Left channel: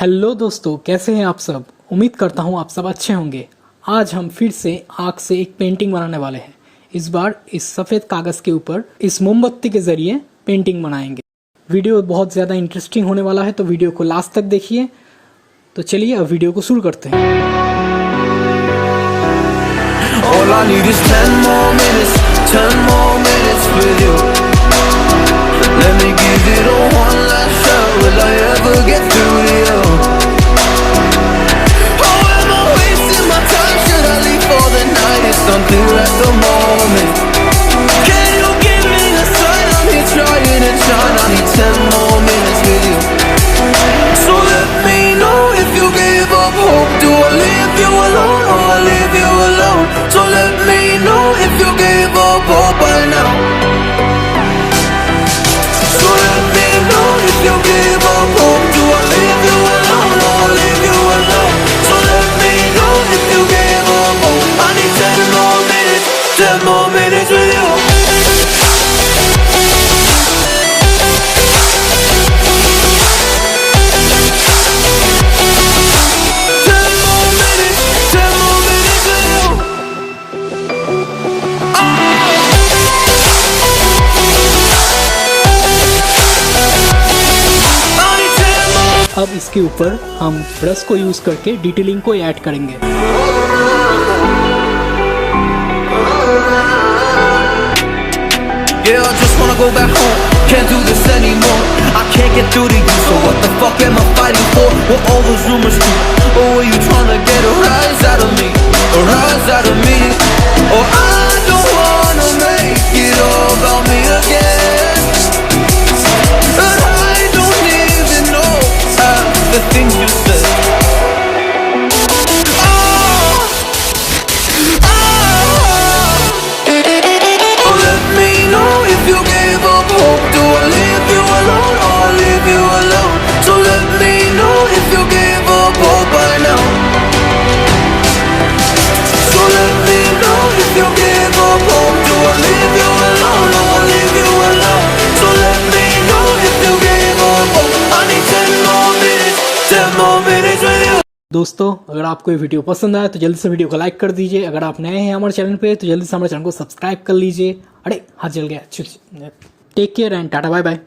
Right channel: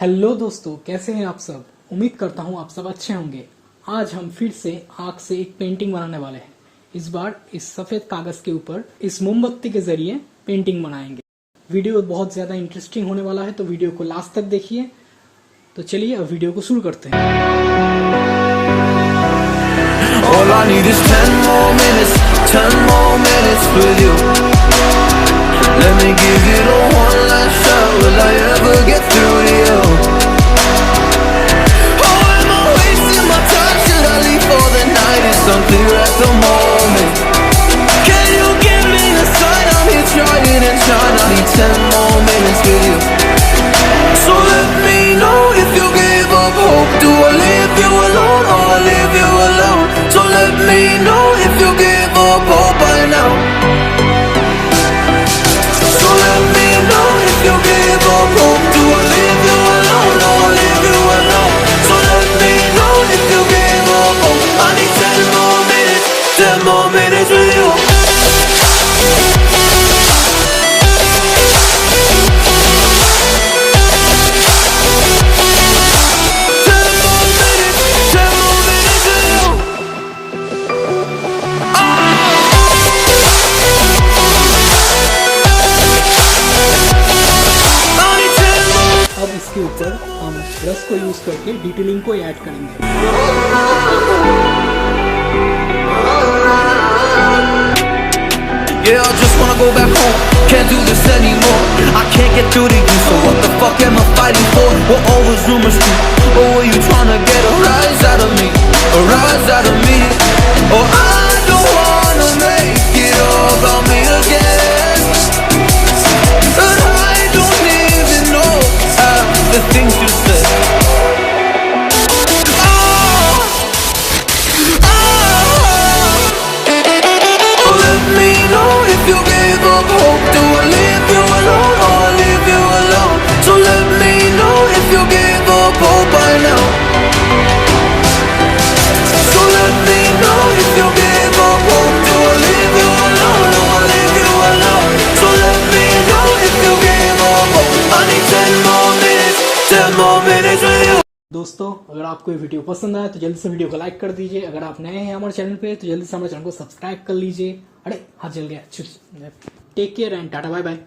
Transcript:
Hello दोस्तों, कैसे हैं आप सब। उम्मीद करता हूं आप सब अच्छे होंगे। आज हम फिर से आग से एक पेंटिंग बनाने वाले हैं। इस बार इस सफ़ेद कागज़ के ऊपर इस मोमबत्ती के ज़रिए पेंटिंग बनाएंगे। वीडियो बहुत ज़्यादा इंटरेस्टिंग होने वाला है, तो वीडियो को लास्ट तक देखिए। तो चलिए अब वीडियो को शुरू करते हैं। All I need is 10 more minutes, 10 more minutes with you. Let me give it a one last shot. Will I ever get through to you? Oh, am I wasting my time? Should I leave for the night? It's unclear at the moment. Can you give me a sign? I'm here trying and trying. I need 10 more minutes with you. So let me know if you give up hope. Do I leave you alone or I leave you alone? So let me know if you give up hope by now. So let me know if you give up hope. Do I leave you alone or I leave you alone? So let me know if you give up hope. I need 10 more minutes, 10 more minutes with you. अब इसके ऊपर हम brush को use करके detailing को add करेंगे। Yeah, I just wanna go back home. Can't do this anymore. I can't get through to you. So what the fuck am I fighting for? What all those rumors do? Or were you trying to get a rise out of me? A rise out of me? Or I don't wanna make it all about me again. But I don't even know half the things you said. If you gave up hope, do I leave you alone or I leave you alone? So let me know if you gave up hope by now. So let me know if you gave up hope. Do I leave you alone or I leave you alone? So let me know if you gave up hope. I need 10 more minutes, 10 more minutes with you. दोस्तों, अगर आपको ये video पसंद आया तो जल्दी से video को लाइक कर दीजिए। अगर आप नए हैं हमारे चैनल पे तो जल्दी से हमारे चैनल को सब्सक्राइब कर लीजिए। अरे हाथ जल गया। Take care and tata bye bye.